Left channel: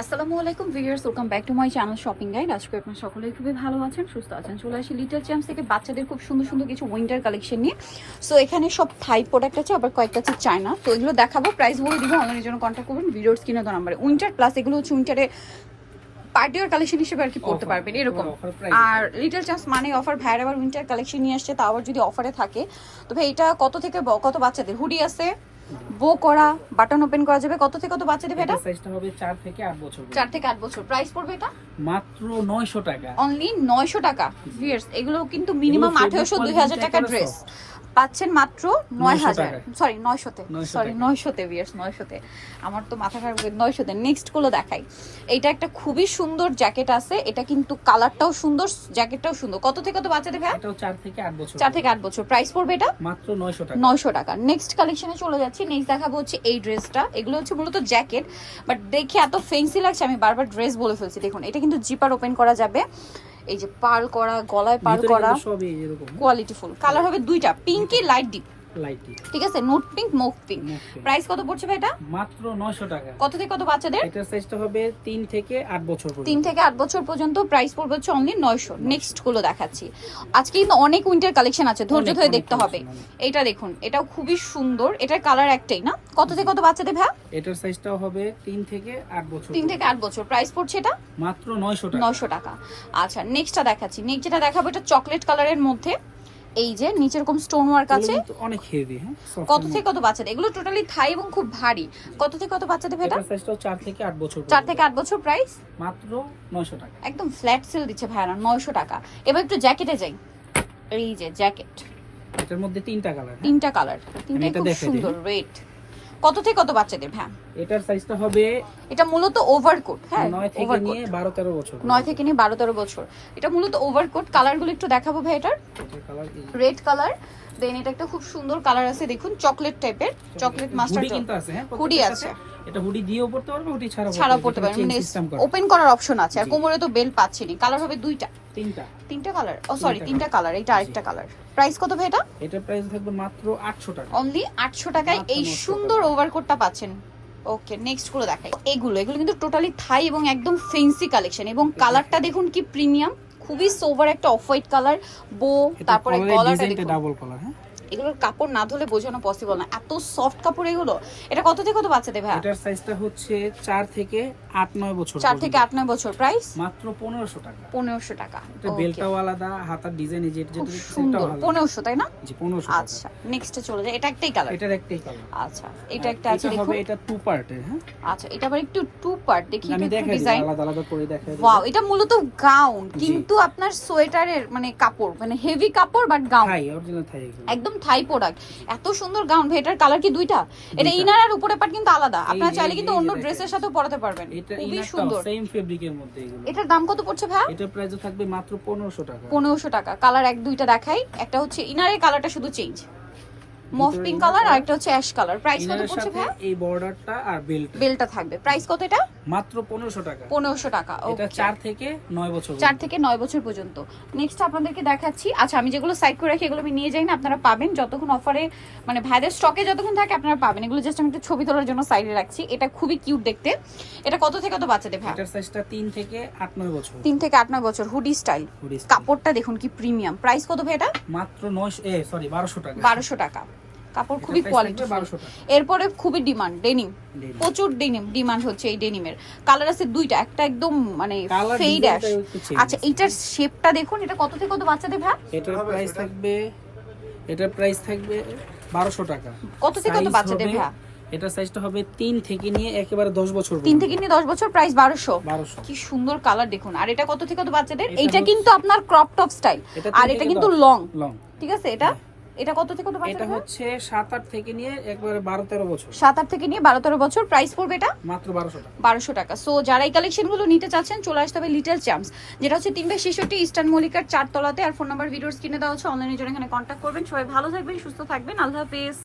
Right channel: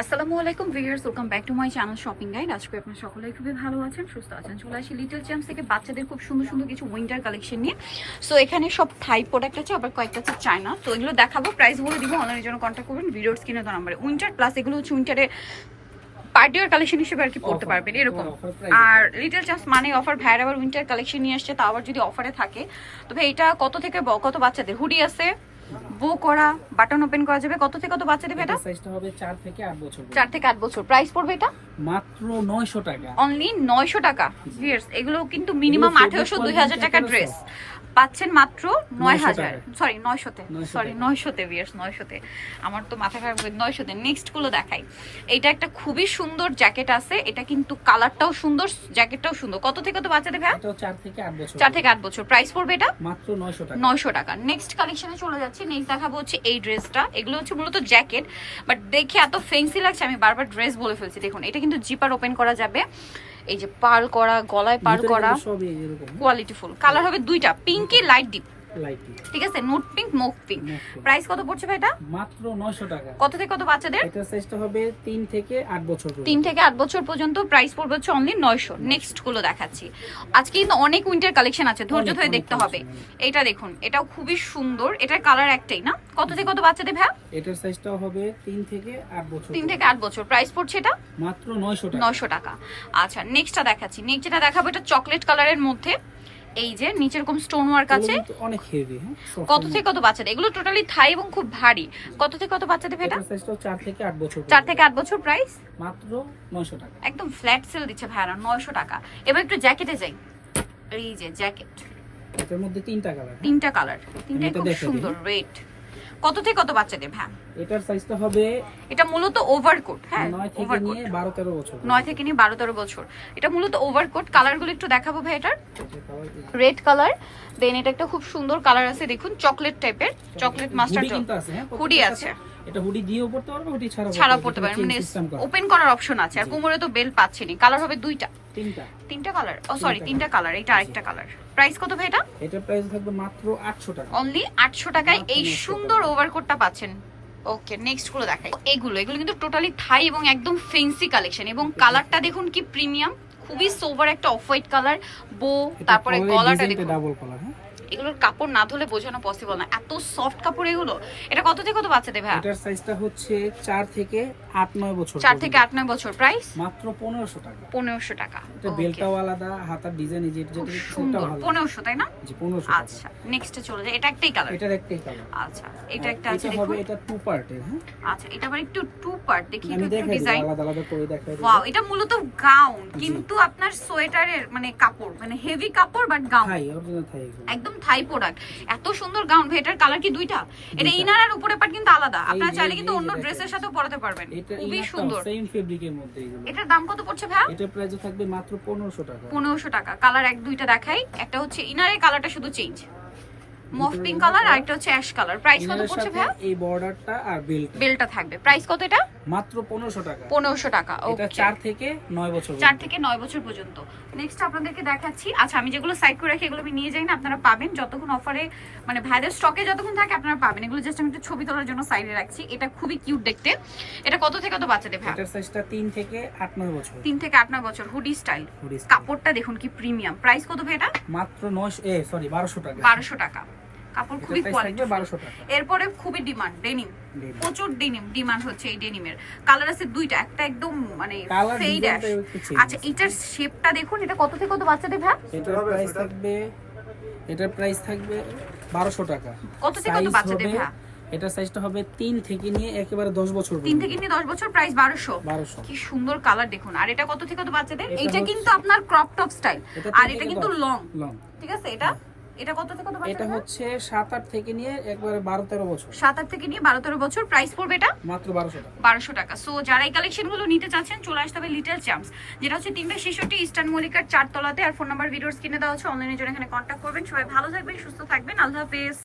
আসসালামু আলাইকুম viewers, welcome back to my channel shopping guide. আজকে আপনারা সকলেই খুবই ভালো আছেন, সুস্থ আছেন। চলে আসি লিটল চ্যাম্পস থেকে বাচ্চাদের খুব সুন্দর সুন্দর কিছু উইন্টার কালেকশন নিয়ে। সো এখানে সব থাই প্রোডাক্ট আছে, আবার কয়েকটা আছে চায়না। তো এগুলো দেখাবো, প্রাইস বলে দিব, অনলাইনের জন্য কন্ট্যাক্ট করবেন ভিডিওর স্ক্রিনে দেওয়া নাম্বারে। উইন্টার প্লাস এগুলো হচ্ছে উইন্টারে পার্টি ওয়্যার কালেকশন হিসেবে আর কি পড়তে পারবেন এরকম। আর লিটল চ্যাম্পস মানে অফার, ভাইয়ের আবার উইন্টার কালেকশন নিয়ে আসছে, তা আবার যদি অফারে থাকে। তো ভাই এটা কত থেকে কত বাচ্চাদের হুডি আছে, বো করা, বাটন ওপেন করা যাবে, কত থেকে কত বাচ্চাদের? এটা সাইজটা হবে 4 থেকে 8 বছর। 4 থেকে 8 বছর। প্রাইস পড়বে এটা মাত্র 900 টাকা, অনলি 900 টাকা। ভিউয়ার্স এগুলো কিন্তু মিনিমাম 1800 2000 টাকা ড্রেস পাচ্ছেন মাত্র 9000, সরি 900তে, সরি 900তে ভিউয়ার্স, 900তে। আমার তো মাথা খারাপ করে 900তে। নেক্সট গুলো দেখাই। এইটা একটা খুবই সুন্দর জ্যাকেট আছে, এটা কিন্তু কালারটাও সুন্দর, জ্যাকেটটাও সুন্দর। কত থেকে কত বাচ্চাদের ভাই? এটাও 4 থেকে 8 বছর। 4 থেকে 8 বছর। প্রাইস পড়বে এটা মাত্র 900 টাকা, 900 টাকা। নেক্সট কালেকশনে চলে যাচ্ছি। নেক্সট দেখাবো হচ্ছে এই ড্রেসটা। এগুলো হচ্ছে মূলত জ্যাকেট, বাট দেখে এত ফ্যান্সি লাগছে আমি বারবার ড্রেস বলে ফেলছি। দেখুন এটা কিন্তু জিপার ওপেন করা যাবে, এই যে পার্ল করা, গলায় পার্ল করা, সবই এরকম কোয়ালিটি ফুল। কালার হবে দুইটা, পিঙ্কি লাইট ডিপ, লাইটি, ঠিক আছে, note pink, move pink. Price কত পড়ছে ভাই এটা? মাত্র 900 টাকা। কত থেকে কত বাচ্চাদের? এটার সাইজটা হবে 3 থেকে 8 বছর পর্যন্ত। 3 থেকে 8 বছর পর্যন্ত। প্রাইস পড়বে হচ্ছে অনলি 900। নেক্সট গুলো দেখাচ্ছি। আজকে কিন্তু অনেক উইন্টার কালেকশন আছে, ধৈর্য ধরে দেখতে হবে। এইটা দেখুন, এটাও খুবই সুন্দর, এটার কালার একটাই না। কত থেকে কত বাচ্চাদের ভাই? এটার সাইজটাও হবে 3 থেকে 8 বছর। 3 থেকে 8 বছর। প্রাইস পড়ছে এটা মাত্র 900 টাকা, 900 টাকা। আচ্ছা নেক্সটটা দেখাচ্ছি। নেক্সট যেটা দেখাবো এটা চকলেট কালারের মধ্যে, এই যে নিচে এরকম স্টোন ওয়ার্ক আছে। অনেক হেভি। হ্যাঁ, কত থেকে কত বাচ্চাদের? এগুলো টোটালি থাই এবং খুব ভারী। কত থেকে কত বাচ্চাদের এটা? এটার সাইজটাও 4 থেকে 8 বছর। 4 থেকে 8 বছর। প্রাইস মাত্র 900 টাকা, একদম ফ্ল্যাট সেল দিচ্ছে ভাইরা, 900 টাকা। এবার একটু জ্যাকেটে যাই। এই যে জ্যাকেট, এটার মধ্যে 3টা কালার। 3টা কালার, 3টা এটা খুব দেখাই সুন্দর। রেড কত থেকে কত বাচ্চাদের ভাই? এটার সাইজটা হবে, এটা মূলত ওভারকোট। হ্যাঁ, 9 থেকে নিয়ে 12 13 বছর। 9 থেকে নিয়ে 12 13 বছর। এটা মূলত ওভারকোট। কালারগুলো একটু দেখাবো ভাই। এটার রেড কালার, দেন এটা একটা খুব সুন্দর কালার আছে, দেখুন চকলেট টাইপের, চকলেট মাস্টার্ড হুডি আছে। এটা হুডি দিয়েও পড়তে পারবে, হুডি ছাড়াও পড়তে পারবে, মানে ওপেন করার অপশন আছে। আর কোমরে তো বেল পাচ্ছেনি। কালার হবে দুইটা, তিনটা কালার। ও সরি, তিনটা কালার। এটা আরেকটা কালার। প্রাইস কত ভাই এটা? এটার প্রাইস থাকবে মাত্র 800 টাকা, অনলি 800 টাকায় এই সুন্দর ওভারকোটটা পাচ্ছেন। ওকে নেক্সট গুলো দেখাই। এগুলো কিন্তু টোটালি থাই এবং একদম ফ্যান্সি কালেকশন, এবং কালারটা দেখুন কি প্রিমিয়াম, খুবই সোভার একটা অফ হোয়াইট কালার, বো, তারপরে গলাটা দেখুন ডাবল কলার। হ্যাঁ, এগুলোর কাপড় না ধুলে বোঝানো পসিবল না, এত সফট কাপড় এগুলো। এটা কত থেকে কত বাচ্চাদের ভাই? এটার সাইজটা হচ্ছে 4 থেকে 8 9 বছর। 4 থেকে 8 9 বছর। প্রাইস মাত্র 1500 টাকা, 1500 টাকা। এটা বেলটাও আলাদা, হাতার ডিজাইন যেটা সুন্দর। 1500 তাই না? জি 1500 টাকা। আচ্ছা নেক্সটে চলে যাই। এটা একটাই কালার? এটার একটাই কালার। আচ্ছা এটা একটা আছে এটা দেখুন। হবে, এটা 2 পার্টের। হ্যাঁ, আচ্ছা এটা আবার একটু 2 পার্ট। দেখি আমি একটু দেখাই ডিজাইন। আলাদা আলাদা করে দেখাই। ওয়াও, এটা মূলত গাউন, কিন্তু আপনার সোয়েটারের মানে কাপড়, মানে হেভি কাপড় বাট গাউন। থাই, অরিজিনাল থাই, একদম থাই প্রোডাক্ট। এত সুন্দর গাউন ভাই। এটার কালার কি দুইটা? এটা ইনার আর উপরের পার্ট কিন্তু আলাদা, আপনারা চাইলে কিন্তু অন্য ড্রেসের সাথেও পরাতে পারবেন। খুবই সুন্দর, সেম ফেব্রিকের মধ্যে এগুলো। এটার দাম কত পড়ছে ভাই? এটার প্রাইস থাকবে মাত্র 1500 টাকা, 1500 টাকা। কালার এক দুইটা দেখাই। একটা হচ্ছে ইনারের কালারটা শুধু চেঞ্জ, মফ পিঙ্ক কালার, আর একটা হচ্ছে অ্যাশ কালার। প্রাইস কত পড়ছে ভাই? এই বর্ডারটা আর বেলটা থাকবে। প্রাইস কত এটা? মাত্র 1500 টাকা, 1500 টাকা। এটা 4 থেকে 9 বছর, 4 থেকে 9 বছর পর্যন্ত। নেক্সট আপনাদেরকে দেখাচ্ছি। আচ্ছা আমি যেগুলো সাইড করে রাখি এগুলো আমি নিয়ে যাই না, আপনারা পাবেন যতক্ষণ অফারে, মানে ভাইদের স্টকে যতক্ষণ থাকে আপনারা পাবেন। এগুলো জাস্ট আমি একটু ছবি তোলার জন্য সাইডে রাখছি। এটা খুবই কিউট দেখতে। এটা কত থেকে কত বাচ্চাদের ভাই? এটার সাইজটা 3 থেকে 8 9 বছর। 3 থেকে 8 9 বছর। হুডি স্টাইল, কাপড়টা দেখুন কি প্রিমিয়াম। প্রাইস কত ভাই এটা? মাত্র 1200 টাকা, 1200 টাকা। কাপড় খুবই কোয়ালিটি। 1200 টাকা। এরপরে খুবই ডিমান্ড ডেনিম, প্রচুর ডিমান্ড হচ্ছে এই ডেনিমের। কালার আছে দুইটা, একটা একদম মানে ফেড অ্যাশ। আচ্ছা এইটার শেপটা দেখুন। এটা কত থেকে কত বাচ্চাদের ভাই? এটার প্রাইস থাকবে 1200 টাকা। কত থেকে কত বাচ্চাদের ভাই? এটার সাইজটা হবে 3 থেকে নিয়ে একেবারে 10 বছর, 3 থেকে নিয়ে 10 বছর। প্রাইস 1200। কি সুন্দর কালার দেখুন। আর এটা কত থেকে কত বাচ্চাদের? এইটা কিন্তু আপনার ক্রপ টপ স্টাইল, আর এটা কিন্তু লং, ঠিক আছে। এটা কত থেকে কত বাচ্চাদের? এটা হচ্ছে 7 8 থেকে নিয়ে একবারে 12 13 বছর। 7 8 থেকে নিয়ে 12 13 বছর। প্রাইস পড়বে এটা মাত্র 1200 টাকা, 1200 টাকা। সো যারা এই কালেকশনগুলো নিতে চাচ্ছেন চলে আসতে হবে লিটল চ্যাম্পস, যেটা হচ্ছে 366 ইস্টার্ন মল্লিকার 4 তলাতে। আর ফোন নাম্বার ভিডিওর স্ক্রিনে দেওয়া হচ্ছে, অনলাইনে জন্য এখানে কন্ট্যাক্ট করবেন। সবাই ভালো থাকবেন, সুস্থ থাকবেন। আল্লাহ হাফেজ।